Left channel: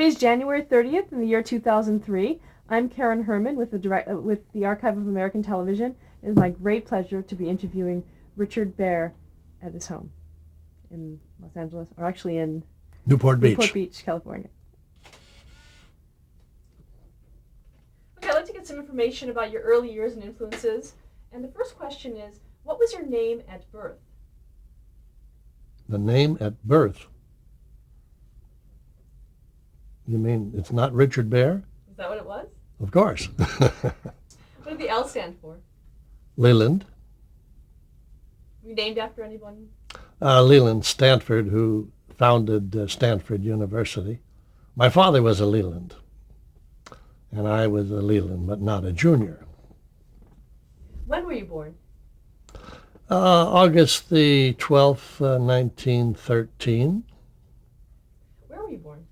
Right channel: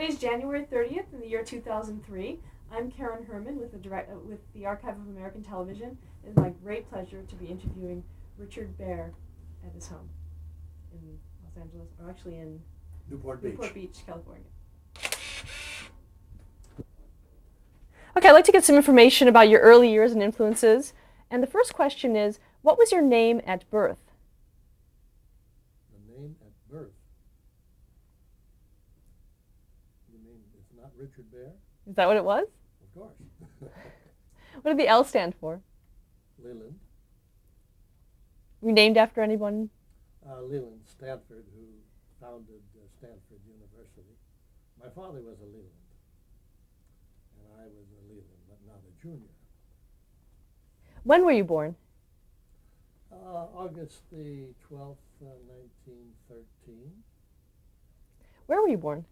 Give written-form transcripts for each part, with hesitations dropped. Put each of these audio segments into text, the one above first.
Today's January 30th in the year 2003. I'm Karen Herman with the Archive of American Television. It is my great pleasure to be interviewing Richard Baer at his home in Los Angeles, or actually in Newport Newport Beach. Beach, California. Okay, I'd like to get some information about your early years and influences. And the first question is, what was your name at birth? The name at birth. You mean it's not Richard Baer? Is that what it was? Of course. What did the L stand for? Leland. Were you named after anyone? Leland Stanford, who founded Stanford University. My father was a Leland, and I was a Leland, but not a junior. When were you born? August the 12th, 1913. Where were you born?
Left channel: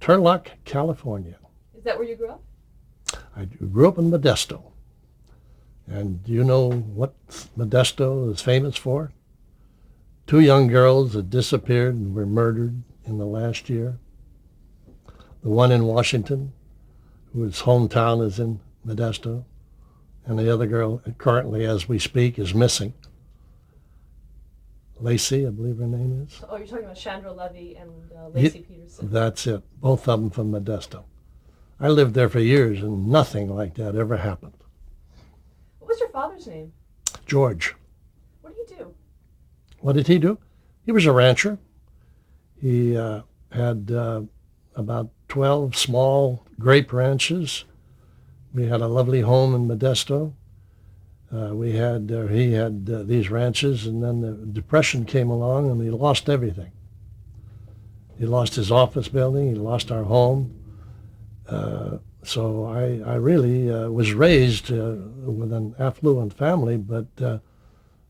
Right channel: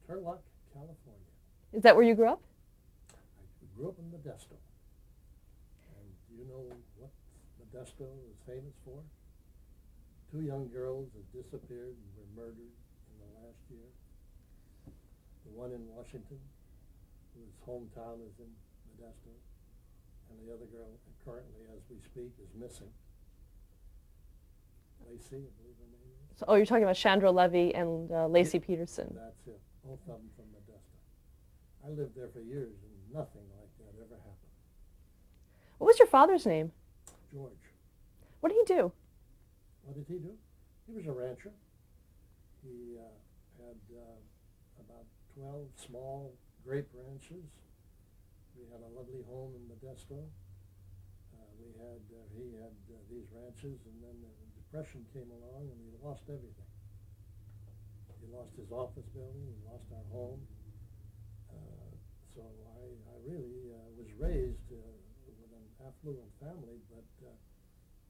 Turlock, California. Is that where you grew up? I grew up in Modesto. And do you know what Modesto is famous for? Two young girls that disappeared and were murdered in the last year. The one in Washington, whose hometown is in Modesto, and the other girl currently, as we speak, is missing. Lacey, I believe her name is. Oh, you're talking about Chandra Levy and Lacey Peterson. That's it. Both of them from Modesto. I lived there for years, and nothing like that ever happened. What was your father's name? George. What did he do? What did he do? He was a rancher. He had about 12 small grape ranches. We had a lovely home in Modesto. He had these ranches, and then the Depression came along, and he lost everything. He lost his office building. He lost our home. So I really was raised with an affluent family, but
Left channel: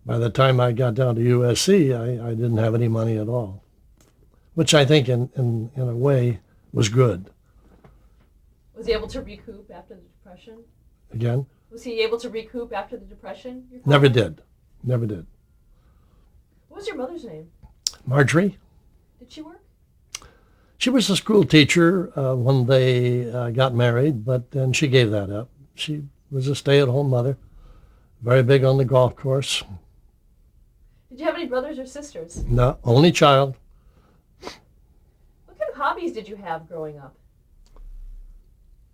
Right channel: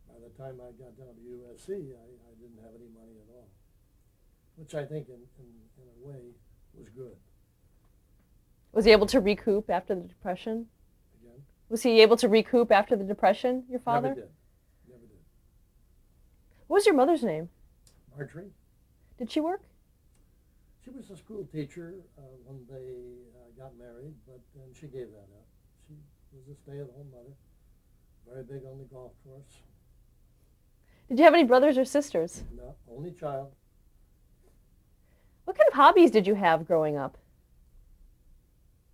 by the time I got down to USC, I didn't have any money at all, which I think in a way was good. Was he able to recoup after the Depression? Again? Was he able to recoup after the Depression, your father? Never did. Never did. What was your mother's name? Marjorie? Did she work? She was a school teacher when they got married, but then she gave that up. She was a stay-at-home mother, very big on the golf course. Did you have any brothers or sisters? No, only child. What kind of hobbies did you have growing up?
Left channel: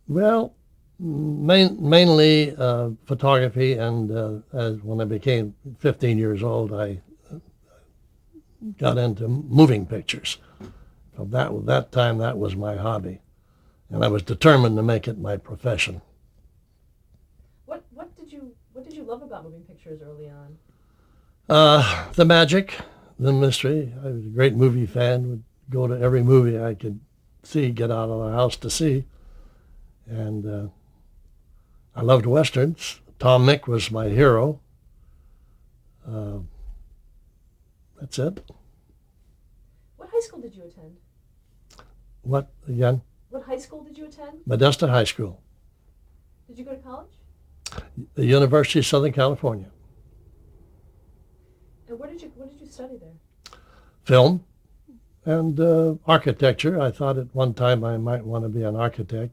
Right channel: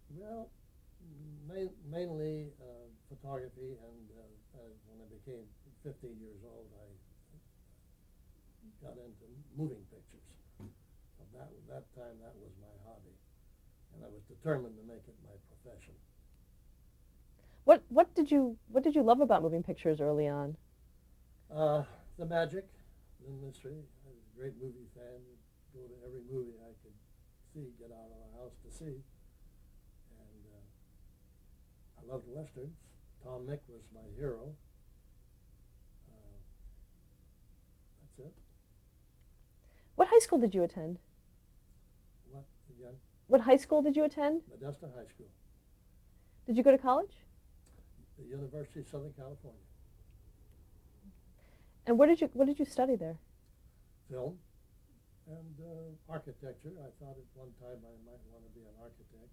Well, mainly photography, and when I became 15 years old, I got into moving pictures. So that time, that was my hobby, and I was determined to make it my profession. What did you love about moving pictures early on? The magic, the mystery. I was a great movie fan. Would go to every movie I could see, get out of the house to see, and I loved westerns. Tom Mink was my hero. That's it. What high school did you attend? What again? What high school did you attend? Modesto High School, Did you go to college? the University of Southern California. And what did you study there? Film and architecture. I thought at one time I might want to be an architect.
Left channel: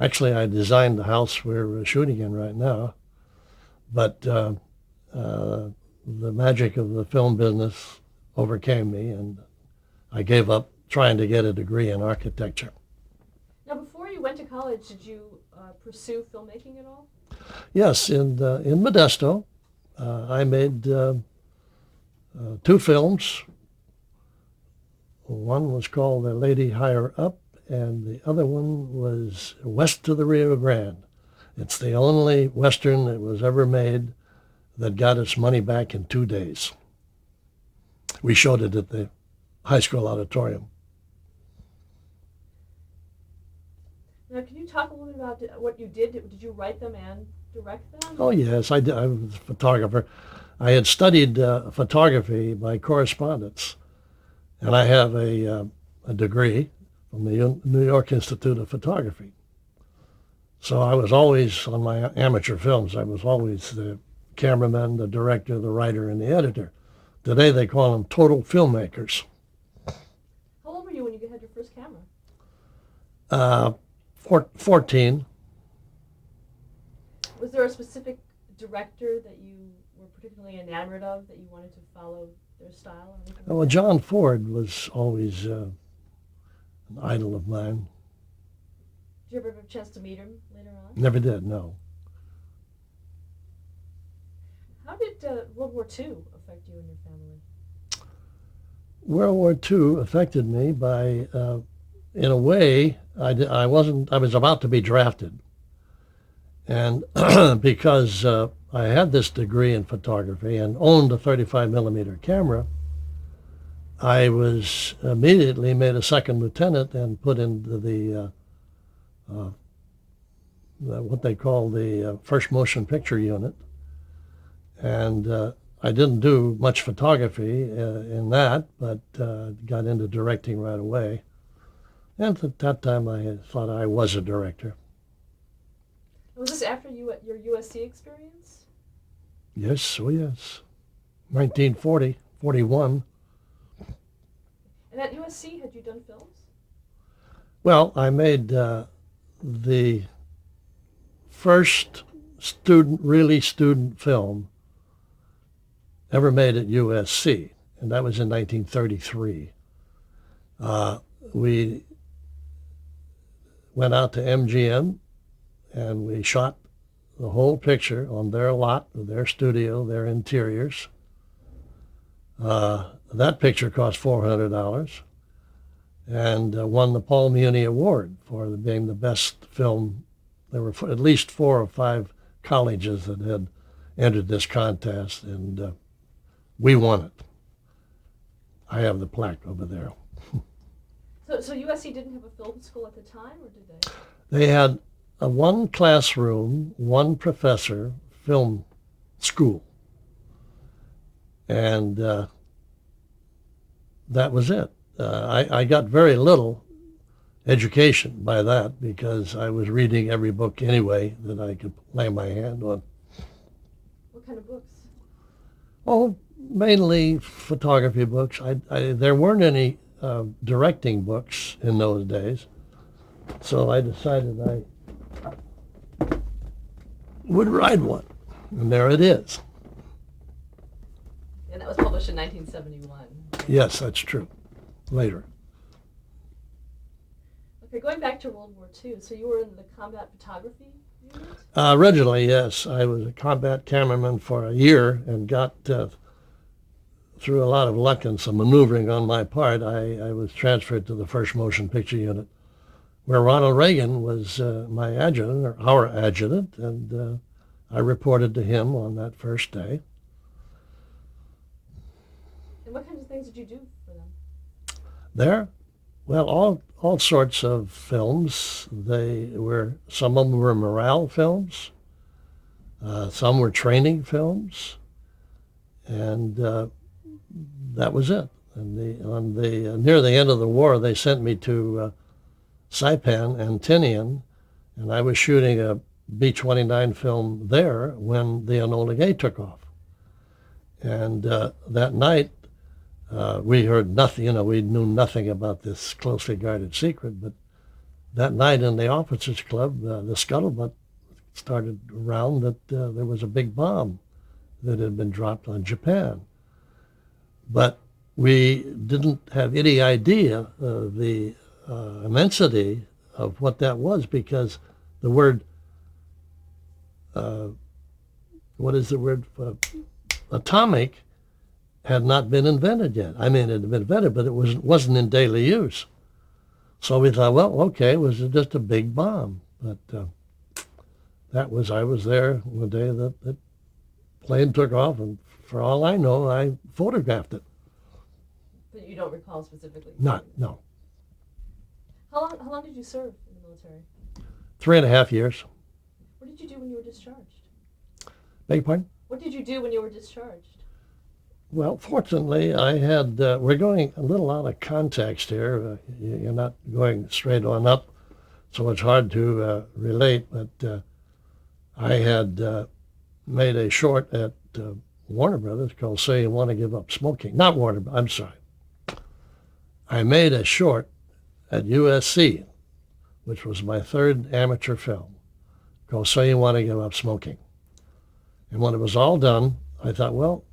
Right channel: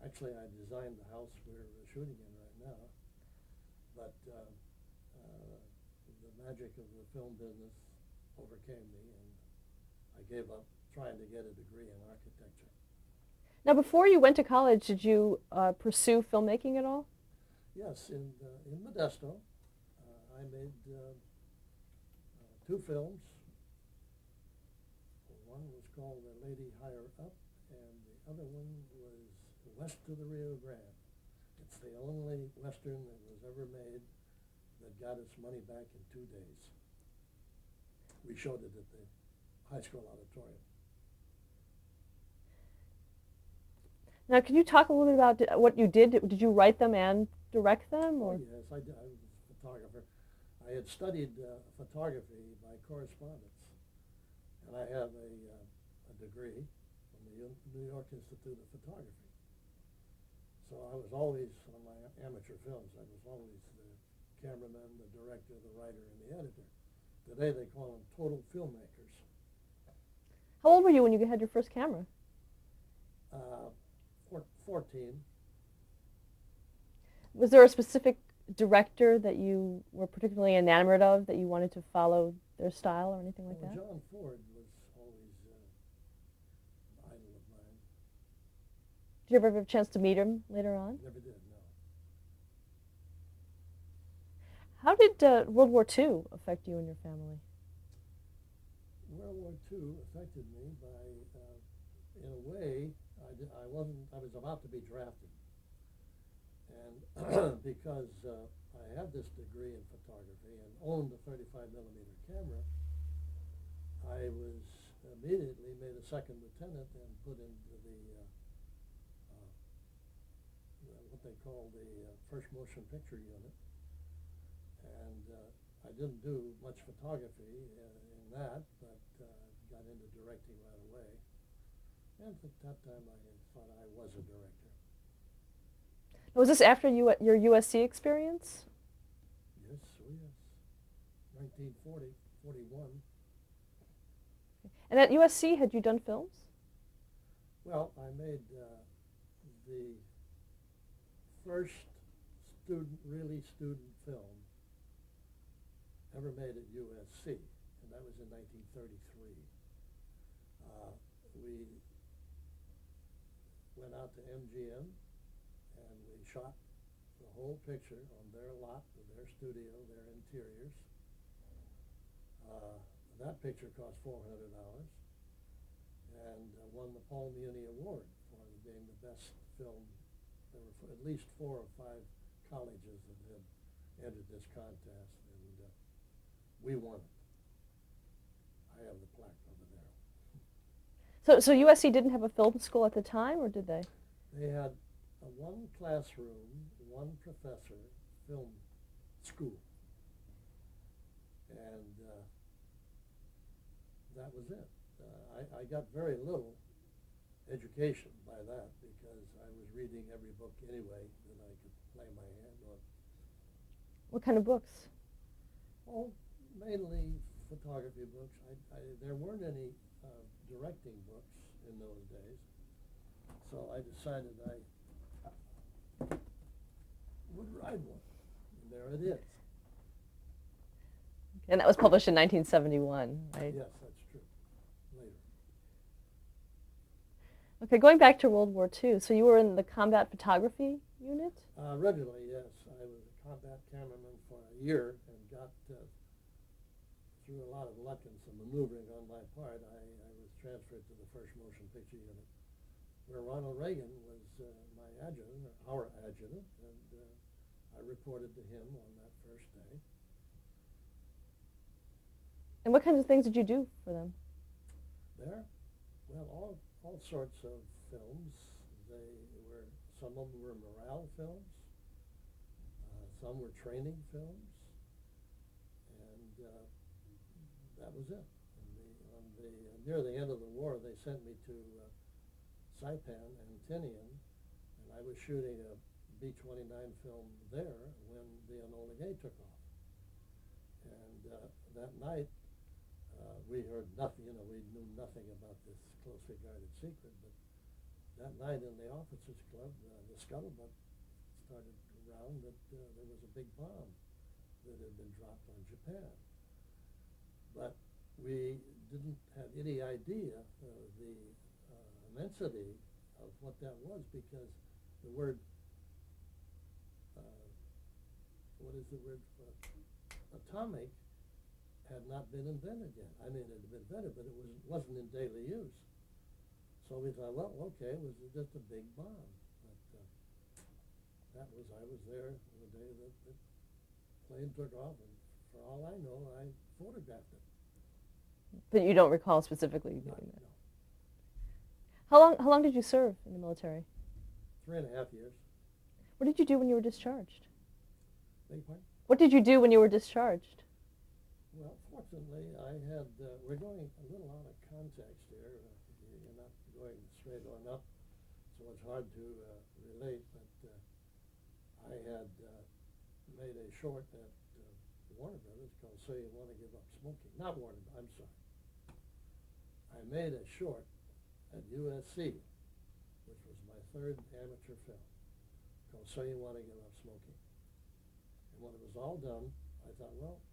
Actually, I designed the house we're shooting in right now, but the magic of the film business overcame me, and I gave up trying to get a degree in architecture. Now, before you went to college, did you pursue filmmaking at all? Yes, in Modesto, I made two films. One was called The Lady Higher Up, and the other one was West of the Rio Grande. It's the only Western that was ever made that got its money back in 2 days. We showed it at the high school auditorium. Now, can you talk a little bit about what you did? Did you write them and direct them? Oh, yes, I did. I was a photographer. I had studied photography by correspondence, and I have a degree from the New York Institute of Photography. So I was always, on my amateur films, I was always the cameraman, the director, the writer, and the editor. Today they call them total filmmakers. How old were you when you had your first camera? Uh, 14. Was there a specific director that you were particularly enamored of that you wanted to follow their style or anything like Well, that? John Ford was always an idol of mine. Did you ever have a chance to meet him later on? Never did, no. How did World War II affect you and your family? World War II affected me by, in a way, I wasn't, I was about to be drafted. And because I had this degree in photography and owned a 35 millimeter camera, I was immediately made a second lieutenant and put into what they call the first motion picture unit. And I didn't do much photography in that, but got into directing right away. And at that time, I thought I was a director. Was this after your USC experience? Yes, oh yes. 1940, 41. And at USC, had you done films? Well, I made the first really student film ever made at USC, and that was in 1933. We went out to MGM and we shot the whole picture on their lot, their studio, their interiors. That picture cost $400 and won the Paul Muni Award for being the best film. There were at least 4 or 5 colleges that had entered this contest, and we won it. I have the plaque over there. So USC didn't have a film school at the time, or did they? They had a one classroom, one professor film school. And that was it. I got very little education by that because I was reading every book anyway that I could lay my hand on. What kind of books? Oh, mainly photography books. There weren't any directing books in those days, so I decided I would write one, and there it is. And that was published in 1971. Yes, that's true. Later. Okay, going back to World War II, so you were in the combat photography unit? Originally, yes. I was a combat cameraman for a year and got, through a lot of luck and some maneuvering on my part, I was transferred to the first motion picture unit, where Ronald Reagan was my adjutant, or our adjutant, and I reported to him on that first day. And what kinds of things did you do for them? There, well, all sorts of films. Some of them were morale films, some were training films, and that was it. And near the end of the war, they sent me to Saipan and Tinian, and I was shooting a B-29 film there when the Enola Gay took off. And that night, we heard nothing, we knew nothing about this closely guarded secret, but that night in the officers' club, the scuttlebutt started around that there was a big bomb that had been dropped on Japan. But we didn't have any idea of the immensity of what that was, because the word, what is the word, atomic, had not been invented yet. I mean, it had been invented, but it wasn't in daily use. So we thought, well, okay, it was just a big bomb. But I was there the day that the plane took off, and for all I know, I photographed it. But you don't recall specifically? No. How long did you serve in the military? 3.5 years. What did you do when you were discharged? Beg your pardon? What did you do when you were discharged? Well, fortunately, I had, we're going a little out of context here. You're not going straight on up, so it's hard to relate, but I had made a short at Warner Brothers called Say You Want to Give Up Smoking. Not Warner, I'm sorry. I made a short at USC which was my third amateur film, called So You Want to Give Up Smoking. And when it was all done, I thought, well,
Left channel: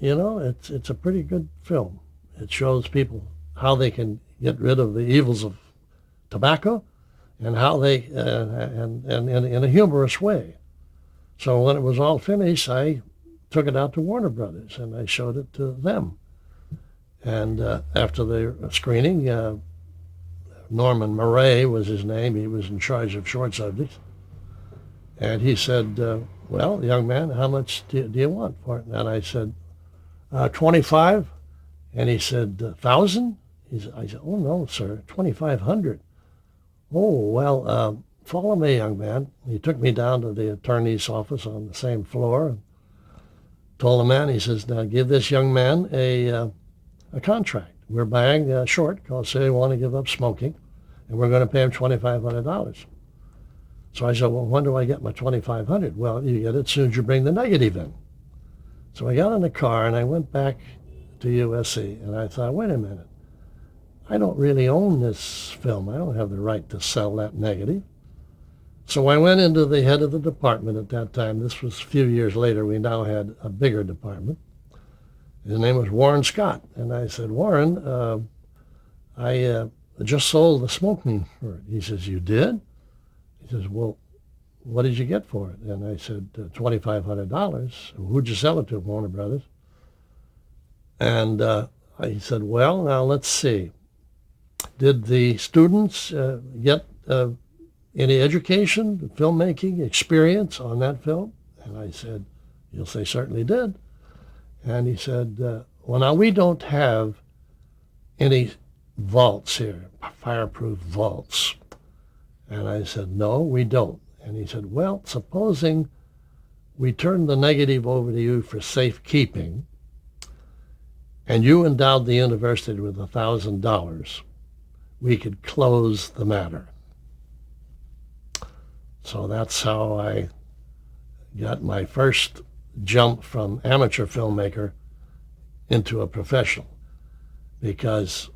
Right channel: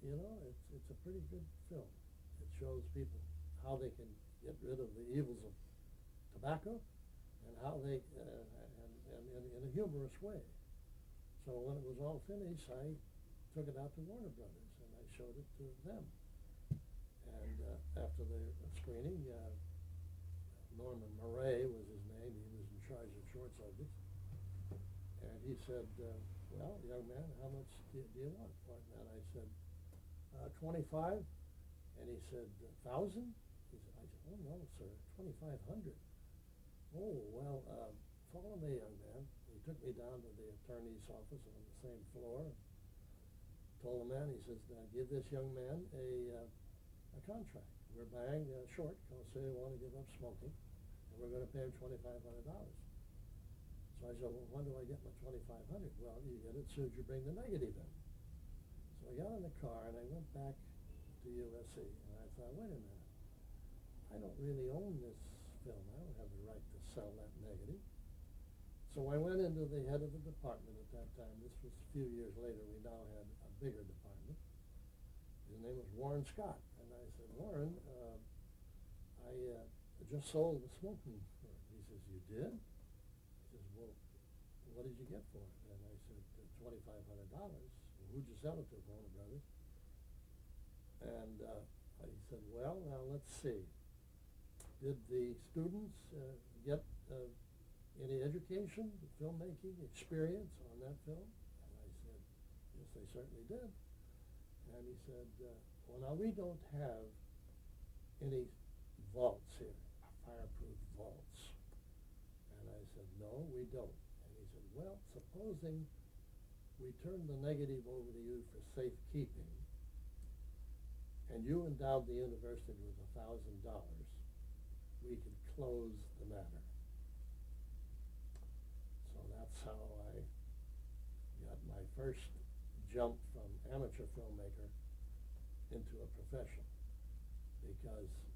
it's a pretty good film. It shows people how they can get rid of the evils of tobacco and how they, and in a humorous way. So when it was all finished, I took it out to Warner Brothers and I showed it to them. And after the screening, Norman Murray was his name. He was in charge of short subjects. And he said, well, young man, how much do you want for it? And I said, 25. And he said, 1,000? I said, oh, no, sir, 2,500. Oh, well, follow me, young man. He took me down to the attorney's office on the same floor and told the man, he says, now give this young man a contract. We're buying a short called So You Want to Give Up Smoking, and we're going to pay him $2,500. So I said, well, when do I get my $2,500? Well, you get it as soon as you bring the negative in. So I got in the car and I went back to USC, and I thought, wait a minute. I don't really own this film. I don't have the right to sell that negative. So I went into the head of the department at that time. This was a few years later. We now had a bigger department. His name was Warren Scott. And I said, Warren, I just sold the smoking for it. He says, you did? He says, well, what did you get for it? And I said, $2,500. Who'd you sell it to? Warner Brothers. And he said, well, now let's see. Did the students get any education, filmmaking experience on that film? And I said, yes, they certainly did. And he said, well, now we don't have any vaults here, fireproof vaults. And I said, no, we don't. And he said, well, supposing we turn the negative over to you for safekeeping, and you endowed the university with $1,000, we could close the matter. So that's how I got my first jump from amateur filmmaker into a professional. Because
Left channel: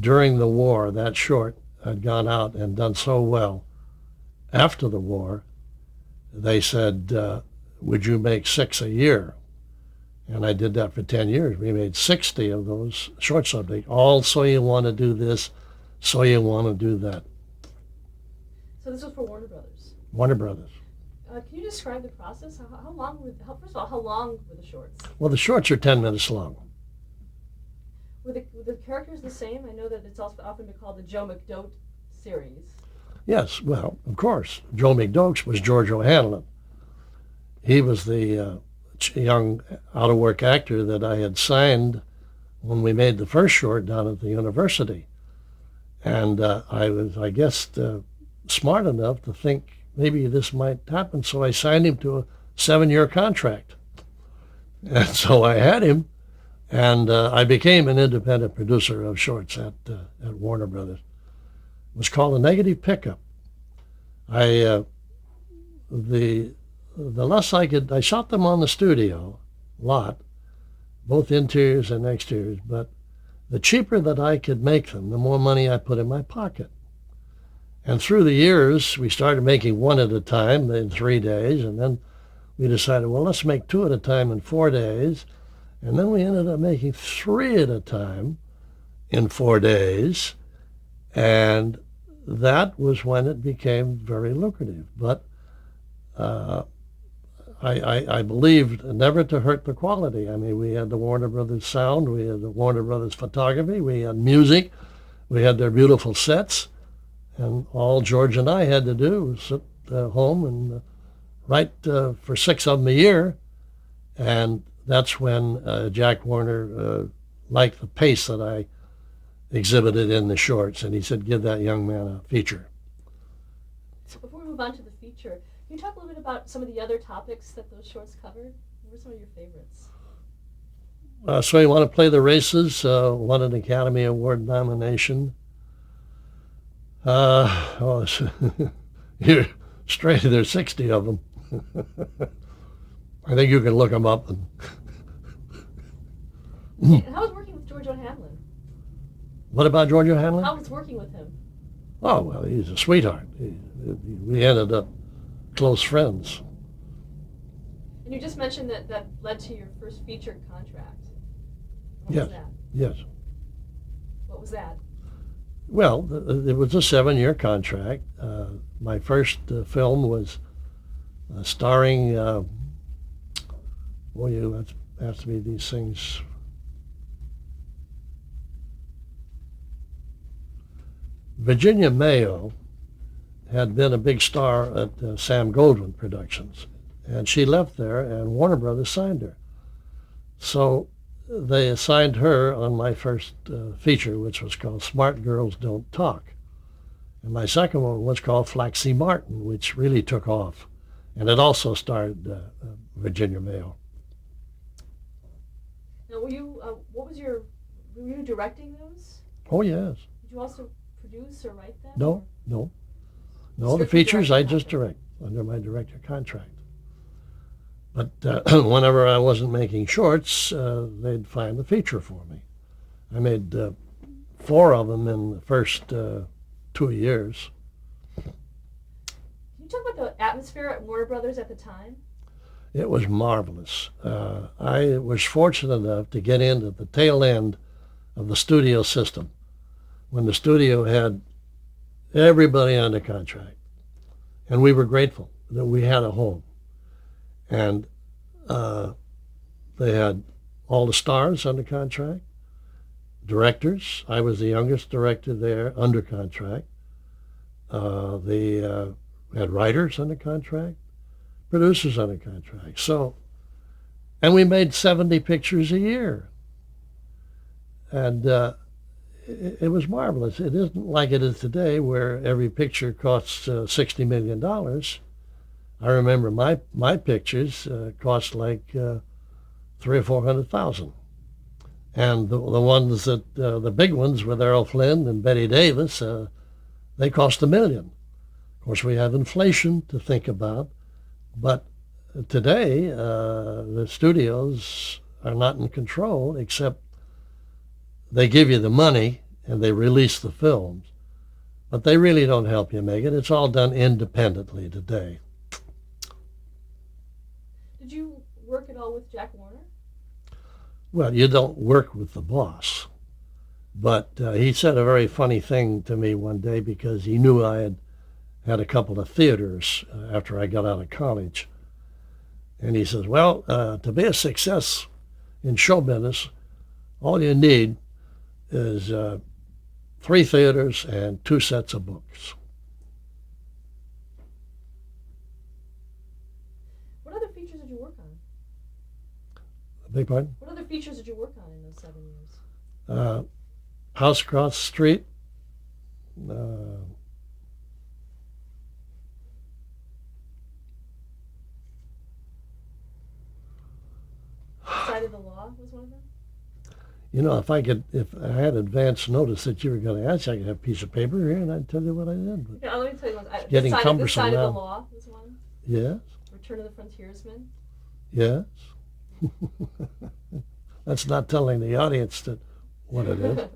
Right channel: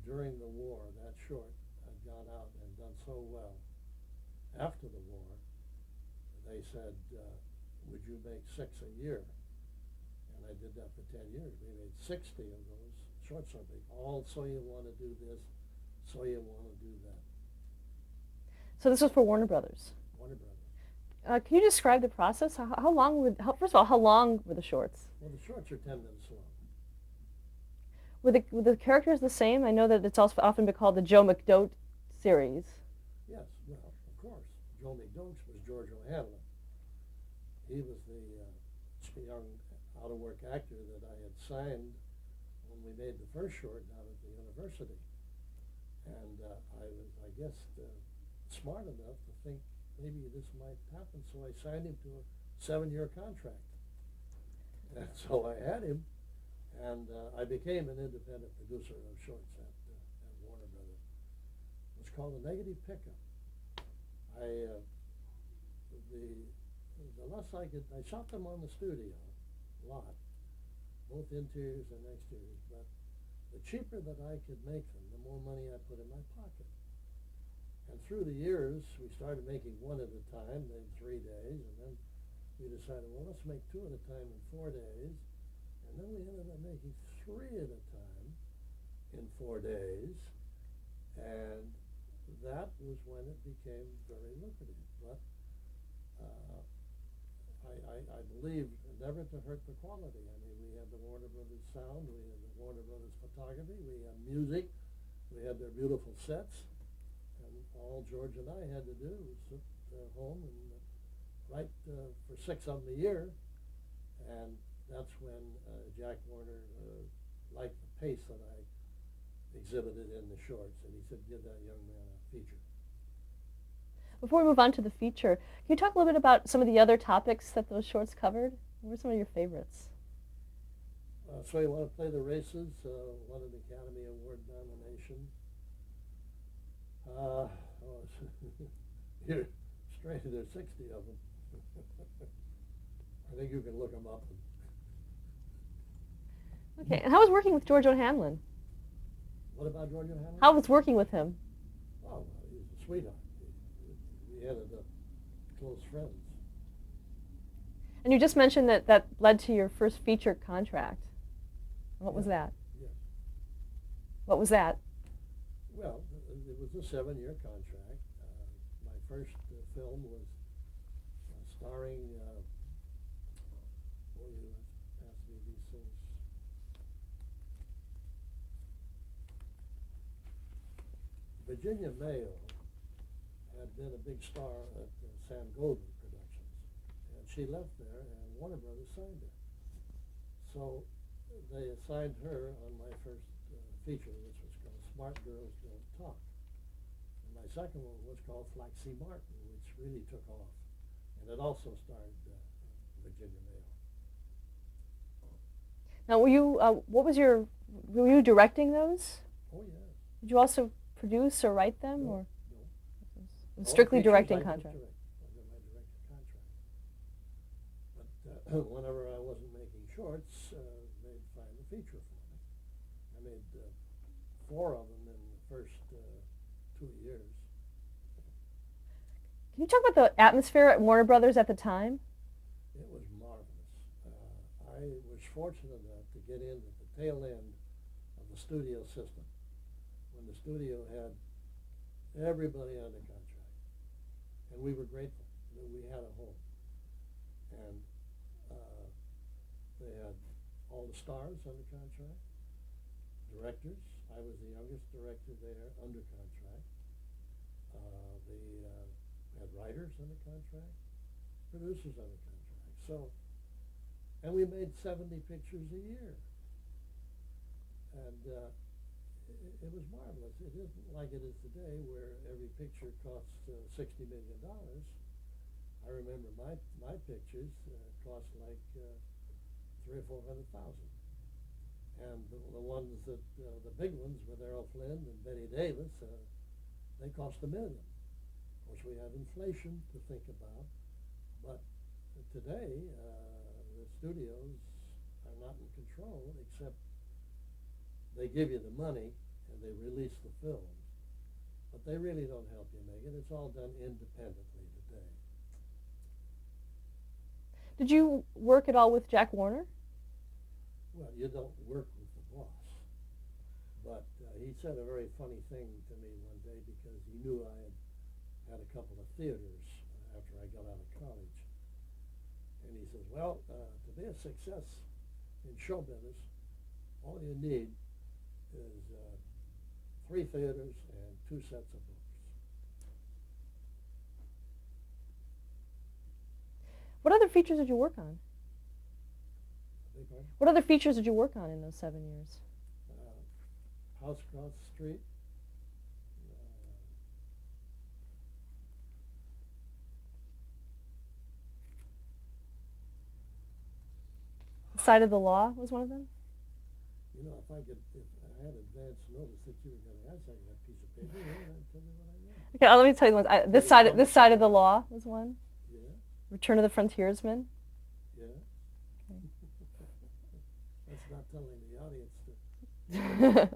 during the war, that short had gone out and done so well. After the war, they said, would you make 6 a year? And I did that for 10 years. We made 60 of those short subjects. All So You Want to Do This, So You Want to Do That. So this was for Warner Brothers? Warner Brothers. Can you describe the process? How long first of all, how long were the shorts? Well, the shorts are 10 minutes long. Were the characters the same? I know that it's also often been called the Joe McDote series. Yes, well, of course. Joe McDoakes was George O'Hanlon. He was the young out-of-work actor that I had signed when we made the first short down at the university. And I was, I guess, smart enough to think maybe this might happen, so I signed him to a 7-year contract. And so I had him, and I became an independent producer of shorts at Warner Brothers. It was called A Negative Pickup. The less I shot them on the studio lot, both interiors and exteriors, but the cheaper that I could make them, the more money I put in my pocket. And through the years, we started making one at a time in 3 days, and then we decided, well, let's make 2 at a time in 4 days. And then we ended up making 3 at a time in 4 days. And that was when it became very lucrative. But I believed never to hurt the quality. I mean, we had the Warner Brothers sound, we had the Warner Brothers photography, we had music, we had their beautiful sets. And all George and I had to do was sit home and write for 6 of them a year. And that's when Jack Warner liked the pace that I exhibited in the shorts. And he said, give that young man a feature. Before we move on to the feature, can you talk a little bit about some of the other topics that those shorts covered? What were some of your favorites? So You Want to Play the Races, won an Academy Award nomination. You're straight, there's 60 of them. I think you can look them up. Okay. And how was working with George O'Hanlon? What about George O'Hanlon? How was working with him? Oh, well, he's a sweetheart. We ended up close friends. And you just mentioned that that led to your first feature contract. What was Yes, that? yes. What was that? Well, it was a 7-year contract. My first film was starring, well, you asked me these things. Virginia Mayo had been a big star at Sam Goldwyn Productions, and she left there, and Warner Brothers signed her. So they assigned her on my first feature, which was called Smart Girls Don't Talk. And my second one was called Flaxie Martin, which really took off. And it also starred Virginia Mayo. Now, were you directing those? Oh, yes. Did you also produce or write them? No, no. No, the Strictly features I directing just contract. direct under my director contract. But whenever I wasn't making shorts, they'd find the feature for me. I made 4 of them in the first 2 years. Can you talk about the atmosphere at Warner Brothers at the time? It was marvelous. I was fortunate enough to get in at the tail end of the studio system when the studio had everybody under contract. And we were grateful that we had a home. And they had all the stars under contract, directors. I was the youngest director there under contract. They had writers under contract, producers under contract. So, and we made 70 pictures a year. And it was marvelous. It isn't like it is today where every picture costs $60 million. I remember my pictures cost like 300,000 or 400,000, and the ones that the big ones with Errol Flynn and Betty Davis, they cost $1 million. Of course, we have inflation to think about, but today the studios are not in control, except they give you the money and they release the films, but they really don't help you make it. It's all done independently today. Did you work at all with Jack Warner? Well, you don't work with the boss. But he said a very funny thing to me one day because he knew I had a couple of theaters after I got out of college. And he says, well, to be a success in show business, all you need is 3 theaters and 2 sets of books. What other features did you work on? Beg pardon? What other features did you work on in those 7 years? House Across the Street. Side of the Law was one of them? You know, if I had advance notice that you were going to ask, I could have a piece of paper here and I'd tell you what I did. Okay, let me tell you one. This Getting side of cumbersome the now. Law was one. Yes, Return of the Frontiersman. yes. That's not telling the audience that what it is.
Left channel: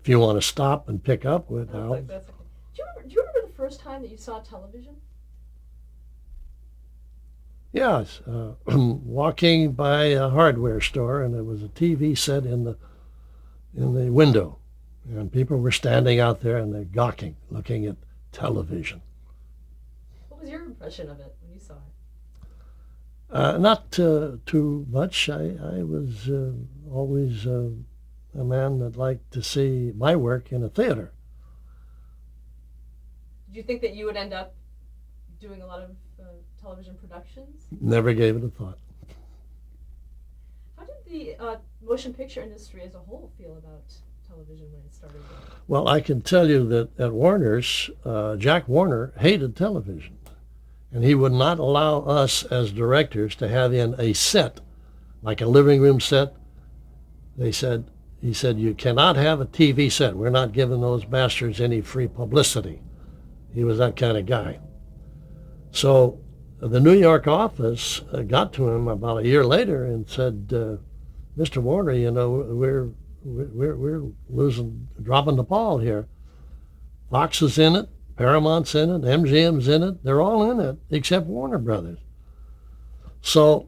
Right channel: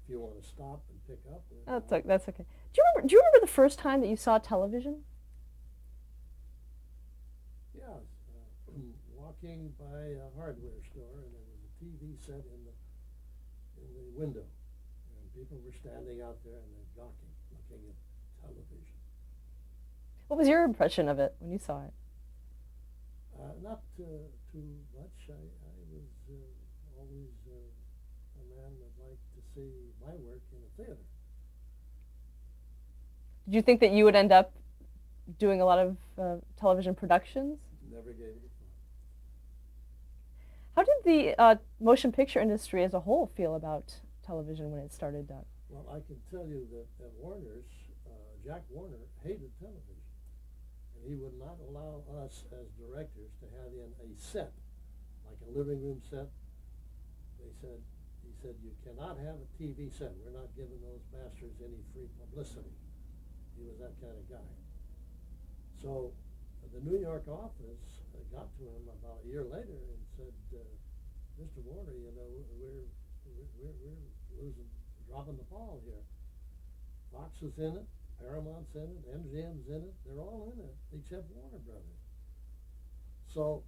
If you want to stop and pick up with, That's okay. Do you remember the first time that you saw television? yes, walking by a hardware store, and there was a TV set in the window, and people were standing out there and they're gawking, looking at television. What was your impression of it when you saw it? Not too much. I was always a man that liked to see my work in a theater. Did you think that you would end up doing a lot of television productions? Never gave it a thought. How did the motion picture industry as a whole feel about television when it started? Well, I can tell you that at Warner's, Jack Warner hated television. And he would not allow us as directors to have in a set, like a living room set. He said, you cannot have a TV set. We're not giving those bastards any free publicity. He was that kind of guy. So the New York office got to him about a year later and said, Mr. Warner, you know, we're dropping the ball here. Fox is in it, Paramount's in it, MGM's in it. They're all in it except Warner Brothers. So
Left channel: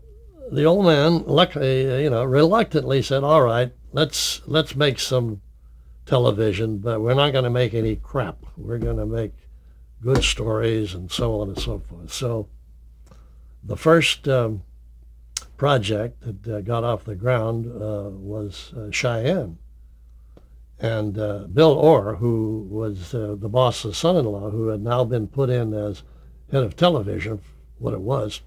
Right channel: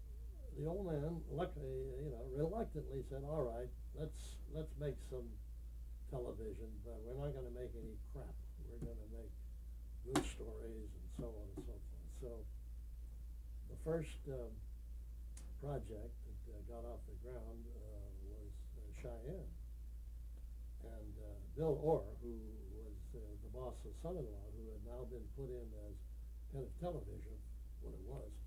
the old man, reluctantly said, "All right, let's make some television, but we're not going to make any crap. We're going to make good stories and so on and so forth." So the first project that got off the ground was Cheyenne. And Bill Orr, who was the boss's son-in-law, who had now been put in as head of television, what it was,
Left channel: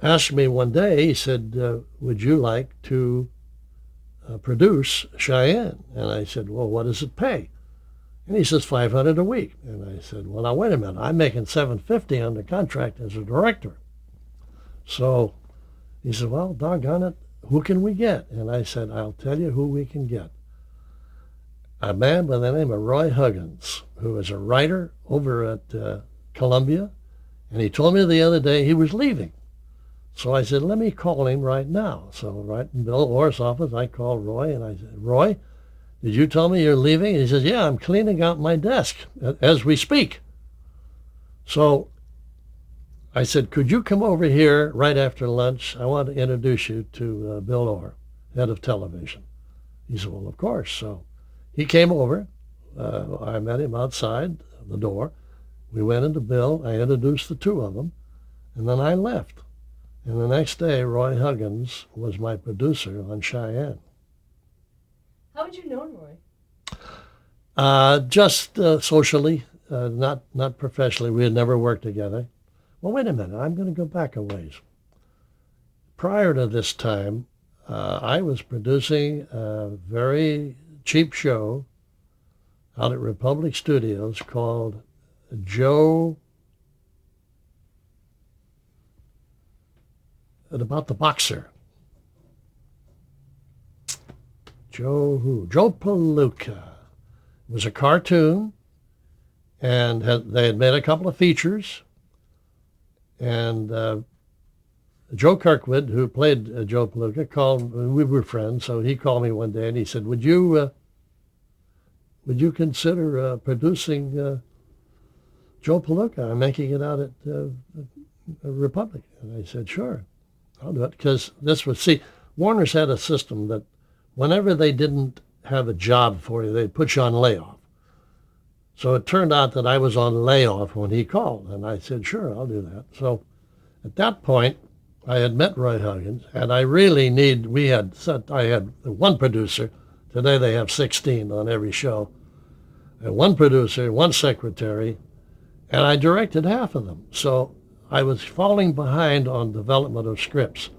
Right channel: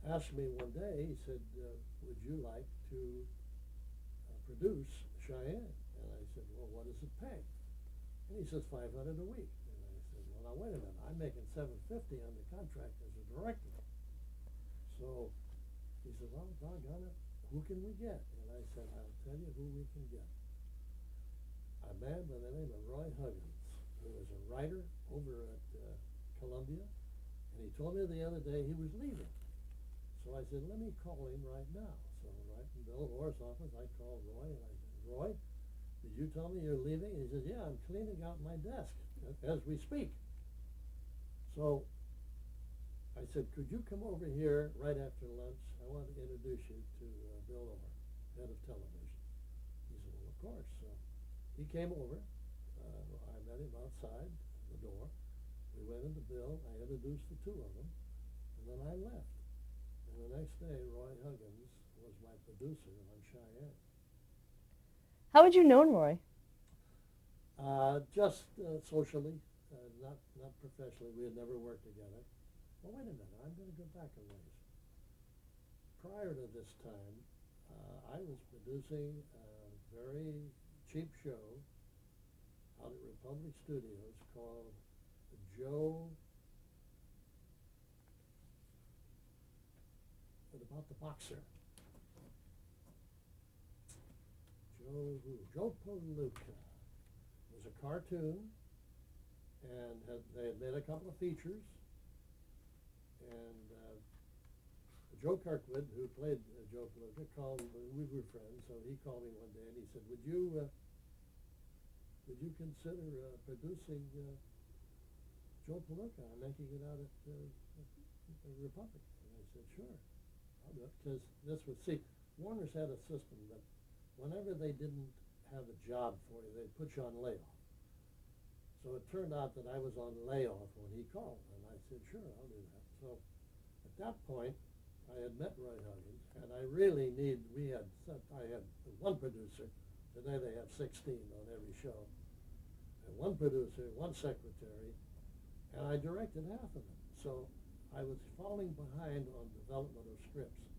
asked me one day, he said, "Would you like to produce Cheyenne?" And I said, "Well, what does it pay?" And he says, $500 a week. And I said, "Well, now wait a minute. I'm making $750 under contract as a director." So he said, "Well, doggone it, who can we get?" And I said, "I'll tell you who we can get. A man by the name of Roy Huggins, who is a writer over at Columbia. And he told me the other day he was leaving. So I said, let me call him right now." So right in Bill Orr's office, I called Roy and I said, "Roy, did you tell me you're leaving?" And he says, "Yeah, I'm cleaning out my desk as we speak." So I said, "Could you come over here right after lunch? I want to introduce you to Bill Orr, head of television." He said, "Well, of course." So he came over. I met him outside the door. We went into Bill. I introduced the two of them, and then I left. And the next day, Roy Huggins was my producer on Cheyenne. How had you known Roy? Just socially, not professionally. We had never worked together. Well, wait a minute. I'm going to go back a ways. Prior to this time, I was producing a very cheap show out at Republic Studios called about the boxer. Joe Palooka. It was a cartoon, and they had made a couple of features. And Joe Kirkwood, who played Joe Palooka, called. We were friends, so he called me one day and he said, "Would you consider producing Joe Palooka? I'm making it out at Republic." And I said, "Sure, I'll do it." Because Warner's had a system that whenever they didn't have a job for you, they'd put you on layoff. So it turned out that I was on layoff when he called, and I said, "Sure, I'll do that." So at that point, I had met Roy Huggins, and I had one producer. Today they have 16 on every show. And one producer, one secretary, and I directed half of them. So I was falling behind on development of scripts.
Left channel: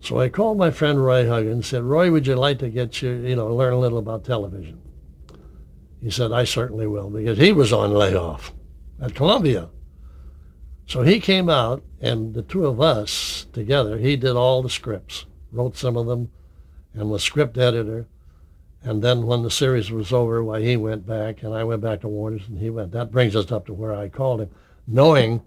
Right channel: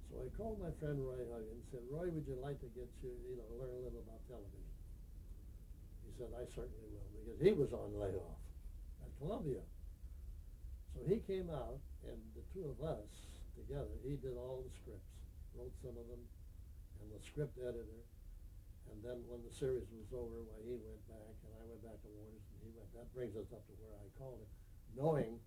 So I called my friend Roy Huggins and said, "Roy, would you like to learn a little about television?" He said, "I certainly will," because he was on layoff at Columbia. So he came out, and the two of us together, he did all the scripts, wrote some of them, and was script editor. And then when the series was over, well, he went back, and I went back to Warner's, and he went. That brings us up to where I called him, knowing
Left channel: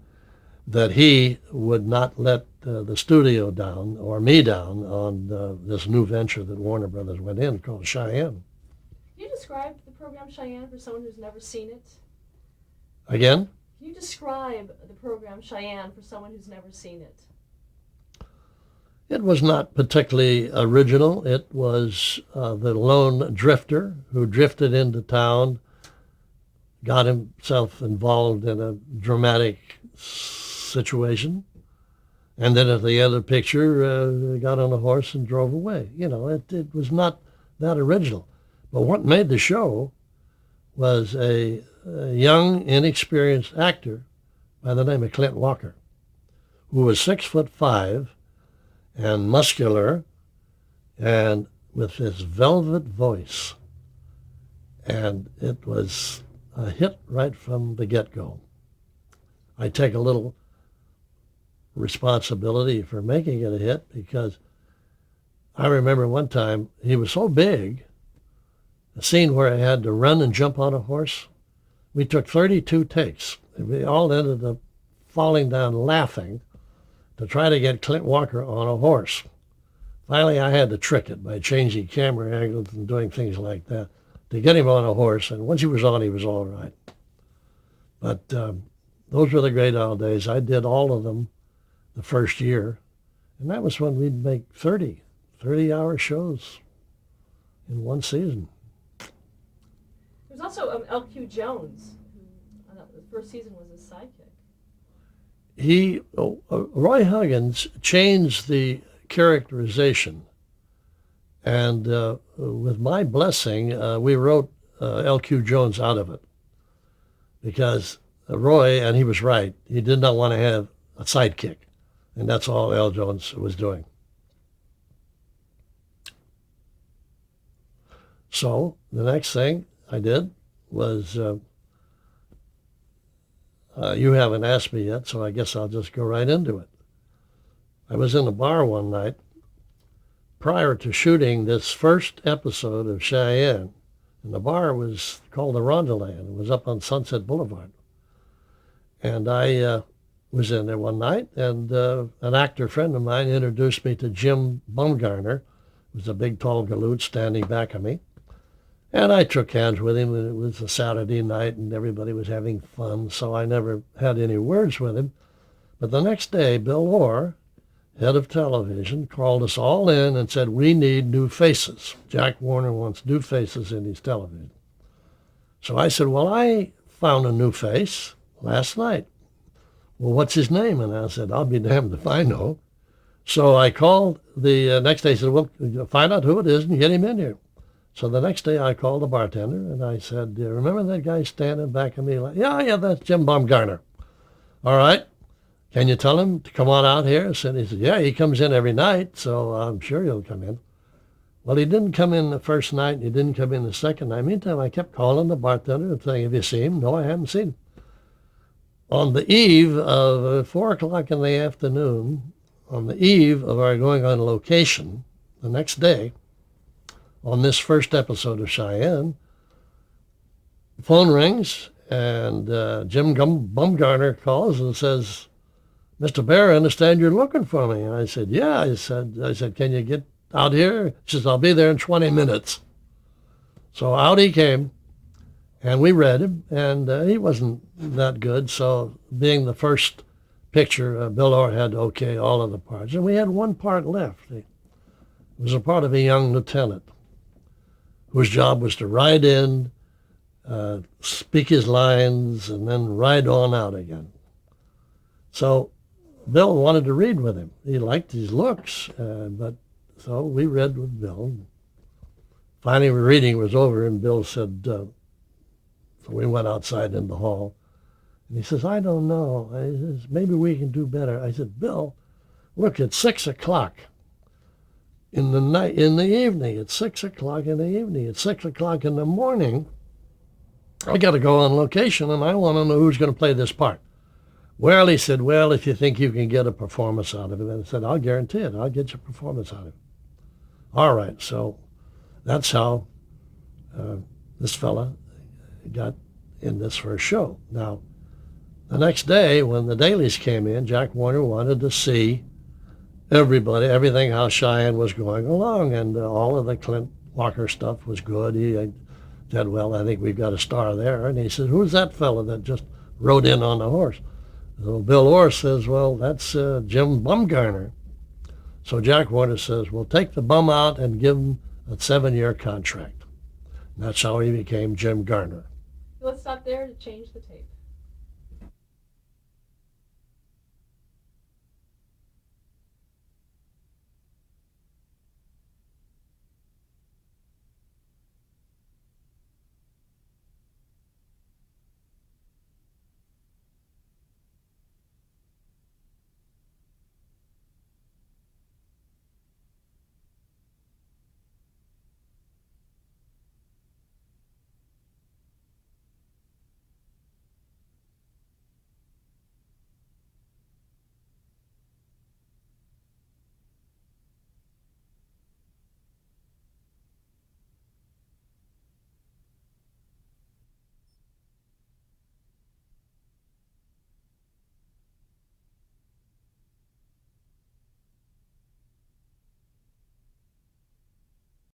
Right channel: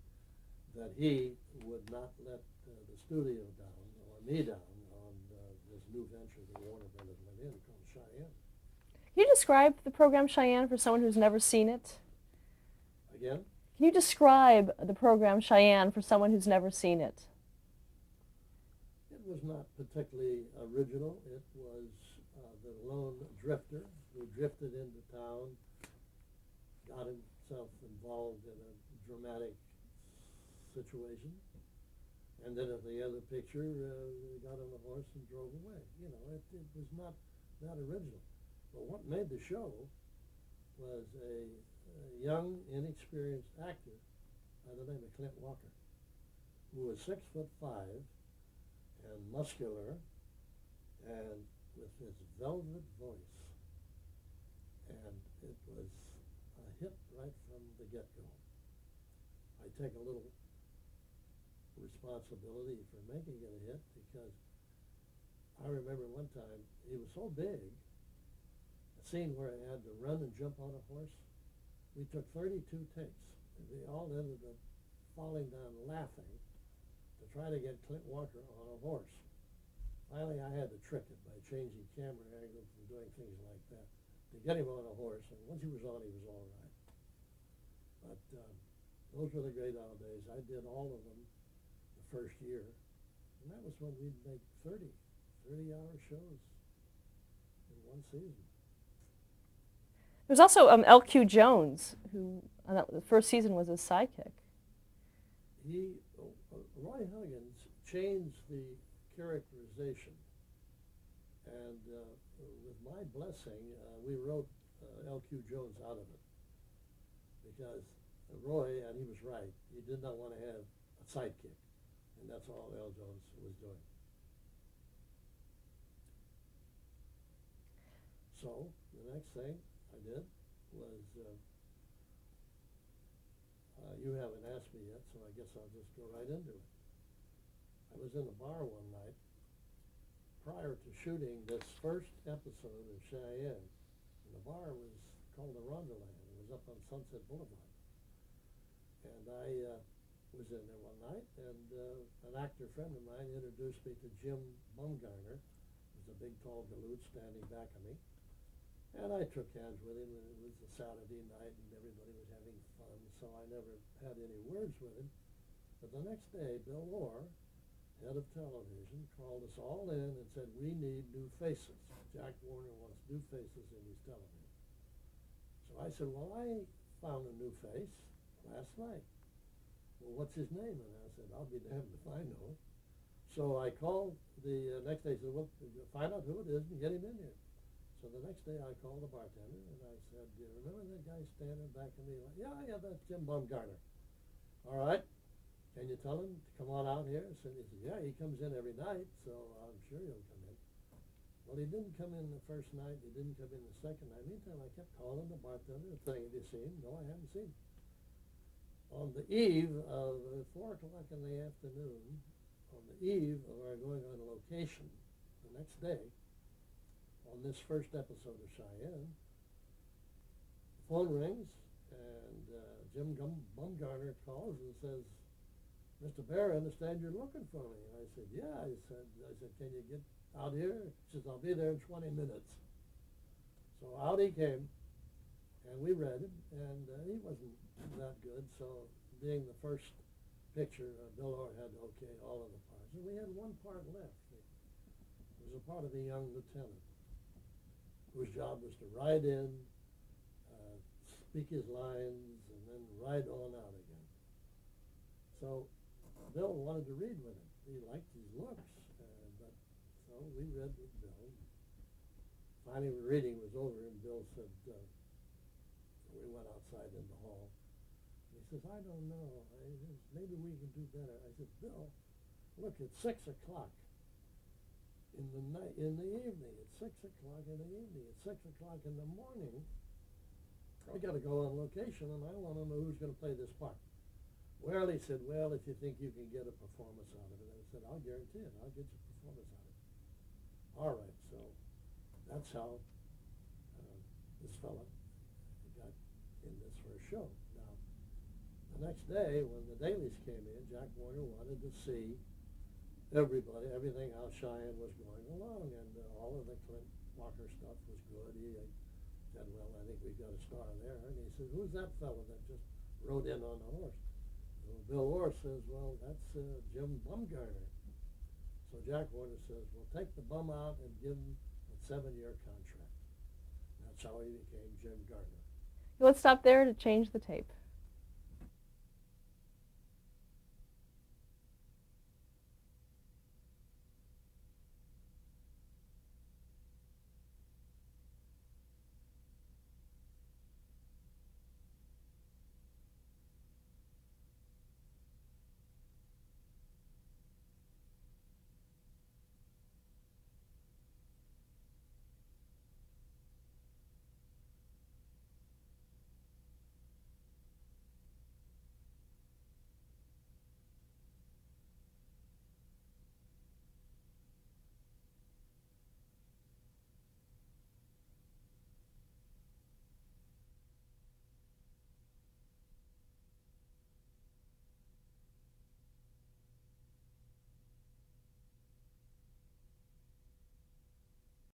that he would not let the studio down or me down on this new venture that Warner Brothers went in called Cheyenne. Can you describe the program Cheyenne for someone who's never seen it? Again? Can you describe the program Cheyenne for someone who's never seen it? It was not particularly original. It was the lone drifter who drifted into town, got himself involved in a dramatic situation, and then at the end of the picture, got on a horse and drove away. It was not that original. But what made the show was a young, inexperienced actor by the name of Clint Walker, who was 6'5" and muscular, and with his velvet voice. And it was a hit right from the get-go. I take a little responsibility for making it a hit because I remember one time he was so big, a scene where I had to run and jump on a horse. We took 32 takes. We all ended up falling down laughing to try to get Clint Walker on a horse. Finally, I had to trick it by changing camera angles and doing things like that. to get him on a horse. And once he was on, he was all right. But those were the great old days. I did all of them the first year. And that was when we'd make 30-hour shows in one season. There's also L.Q. Jones, who the first season was his sidekick. Roy Huggins changed the characterization. And with my blessing, we wrote L.Q. Jones out of it. Because Roy, and he was right, he did not want to have a sidekick. And that's all L. Jones was doing. So the next thing I did was, you haven't asked me yet, so I guess I'll just go right into it. I was in a bar one night prior to shooting this first episode of Cheyenne, and the bar was called the Rondeland. It was up on Sunset Boulevard. And I was in there one night, and an actor friend of mine introduced me to Jim Bumgarner, who was a big, tall galoot standing back of me. And I shook hands with him, and it was a Saturday night, and everybody was having fun, so I never had any words with him. But the next day, Bill Orr, head of television, called us all in and said, we need new faces. Jack Warner wants new faces in his television. So I said, well, I found a new face last night. Well, what's his name? And I said, I'll be damned if I know. So I called the next day, said, well, find out who it is and get him in here. So the next day I called the bartender and I said, remember that guy standing back of me? Like, yeah, that's Jim Bumgarner. All right. Can you tell him to come on out here? He said, yeah, he comes in every night, so I'm sure he'll come in. Well, he didn't come in the first night, and he didn't come in the second night. Meantime, I kept calling the bartender and saying, have you seen him? No, I haven't seen him. On the eve of 4 o'clock in the afternoon, on the eve of our going on location, the next day, on this first episode of Cheyenne, the phone rings, and Jim Bumgarner calls and says, Mr. Bear, I understand you're looking for me. And I said, yeah. I said, can you get out here? He says, I'll be there in 20 minutes. So out he came, and we read him, and he wasn't that good. So being the first picture, Bill Orr had to okay all of the parts. And we had one part left. It was a part of a young lieutenant whose job was to ride in, speak his lines, and then ride on out again. So Bill wanted to read with him. He liked his looks, so we read with Bill. Finally, the reading was over, and Bill said, so we went outside in the hall. And he says, I don't know. I says, maybe we can do better. I said, Bill, look, it's 6 o'clock in the night, in the evening. It's 6 o'clock in the evening. It's 6 o'clock in the morning. I got to go on location, and I want to know who's going to play this part. Well, he said, well, if you think you can get a performance out of it. And I said, I'll guarantee it. I'll get you a performance out of it. All right. So that's how this fella got in this first show. Now, the next day when the dailies came in, Jack Warner wanted to see everything, how Cheyenne was going along. And all of the Clint Walker stuff was good. He said, well, I think we've got a star there. And he said, who's that fella that just rode in on the horse? So Bill Orr says, well, that's Jim Bumgarner. So Jack Warner says, well, take the bum out and give him a 7-year contract. And that's how he became Jim Garner. Let's stop there to change the tape.